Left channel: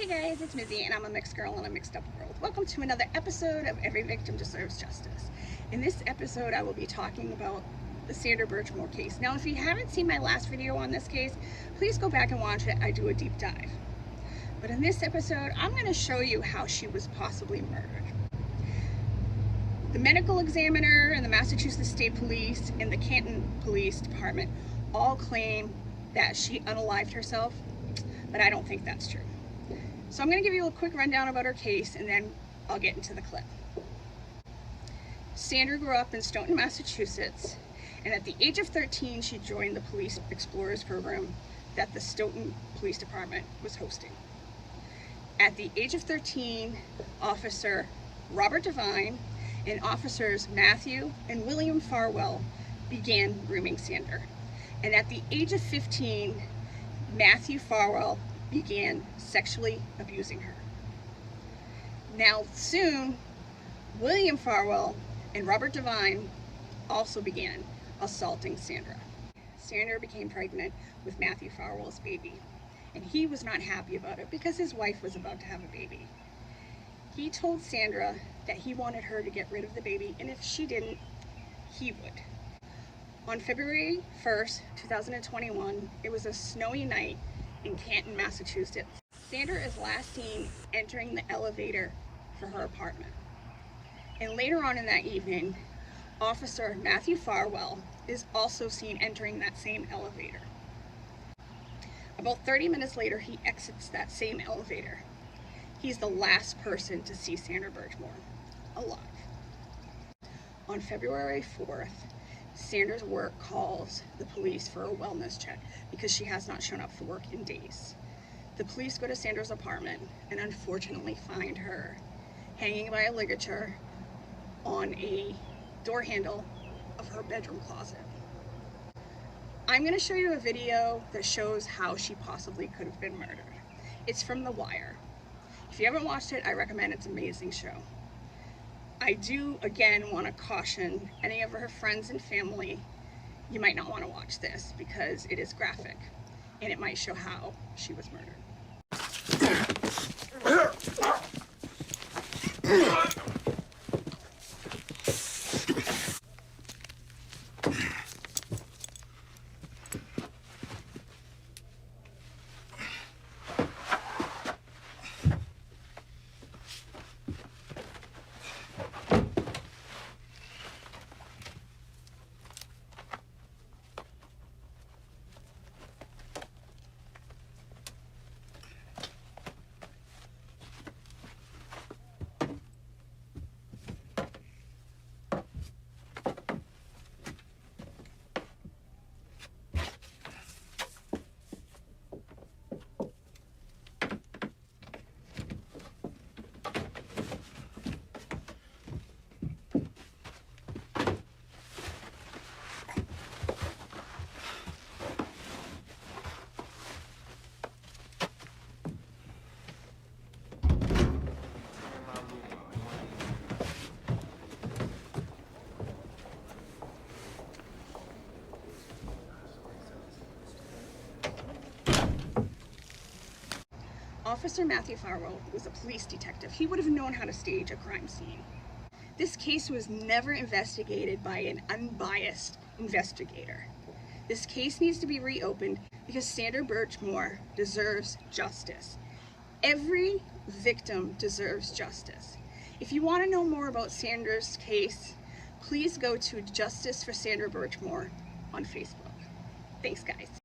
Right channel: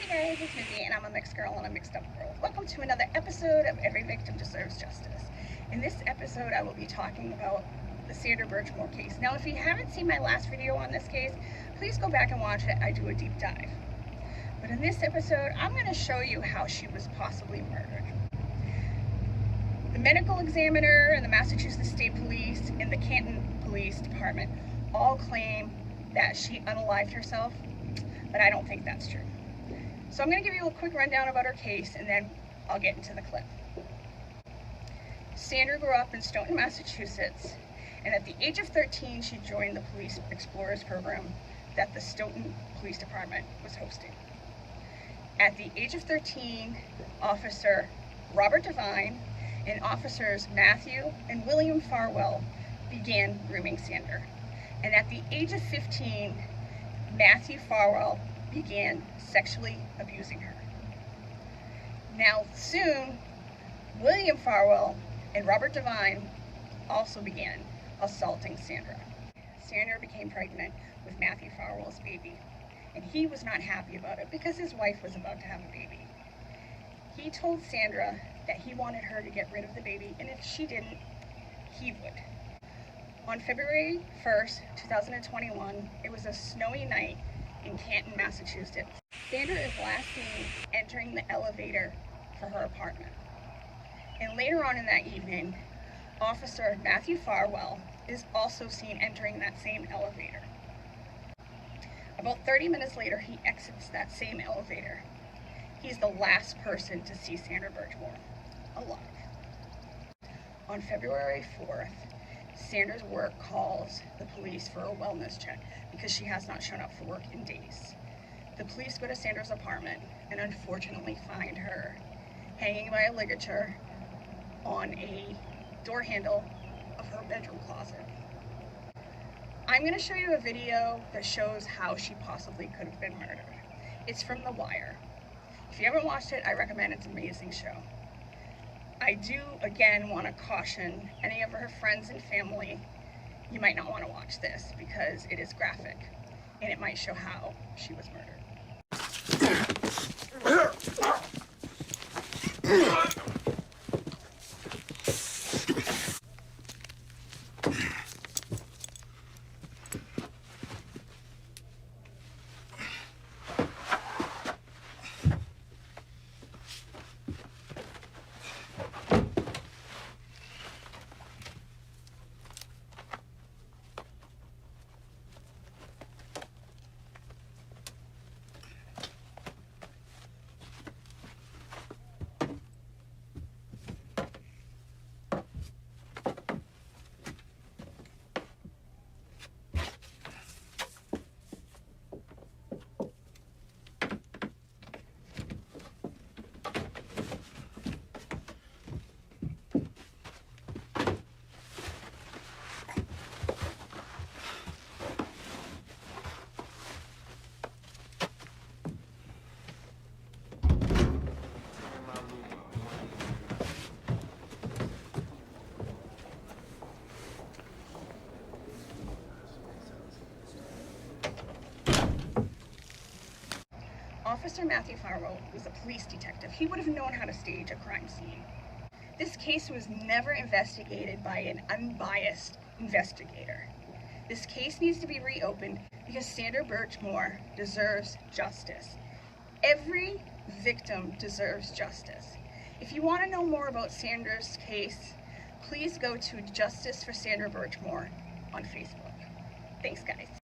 Hey guys, it's Mizzy, and I'm a mixed girl in a mixed up world. Welcome to another episode of Every Victim Deserves Justice. In this episode, I will be talking about the Sandra Bircmore case. Now, if you haven't seen my last video on this case, please go back and watch it. I do a deep dive. But in this episode, I'm going to show you how she was possibly murdered. The medical examiner and the Massachusetts State Police and the Canton Police Department all claim that she unalived herself, but I don't think that's true. So I'm going to give you a quick rundown about her case, and then I'll get into the clip. Sandra grew up in Stoughton, Massachusetts, and at the age of 13, she joined the Police Explorers program that the Stoughton Police Department was hosting. At the age of 13, Officer Robert Devine and Officers Matthew and William Farwell began grooming Sandra. And at the age of 15, Matthew Farwell began sexually abusing her. Now soon, William Farwell and Robert Devine also began assaulting Sandra. Sandra became pregnant with Matthew Farwell's baby, and he was not happy about it because his wife was about to have a baby. He told Sandra that he wanted her to get rid of the baby, and if she didn't, he would. On February 1st, 2021, it was a snowy night in Canton, Massachusetts. Sandra is last seen entering the elevator for her apartment. And later on in that evening, Officer Matthew Farwell is also seen entering that same elevator. About 30 minutes later, he exits that same elevator. He's the last person to see Sandra Bircmore alive. On February 4th, Sandra's work calls the police for a wellness check because she has not shown up for work in days. The police go to Sandra's apartment and unfortunately find her hanging by a ligature on a door handle of her bedroom closet. I'm going to show you a video that shows how she possibly could have been murdered. It's from The Wire. If you haven't watched it, I recommend it. It's an amazing show. I do, again, want to caution any of her friends and family, you might not want to watch this because it is graphic and it might show how she was murdered. Officer Matthew Farwell was a police detective. He would have known how to stage a crime scene. This case was never investigated by an unbiased investigator. This case needs to be reopened because Sandra Bircmore deserves justice. Every victim deserves justice. If you want to know more about Sandra's case, please go to Justice for Sandra Bircmore on Facebook. Thanks, guys.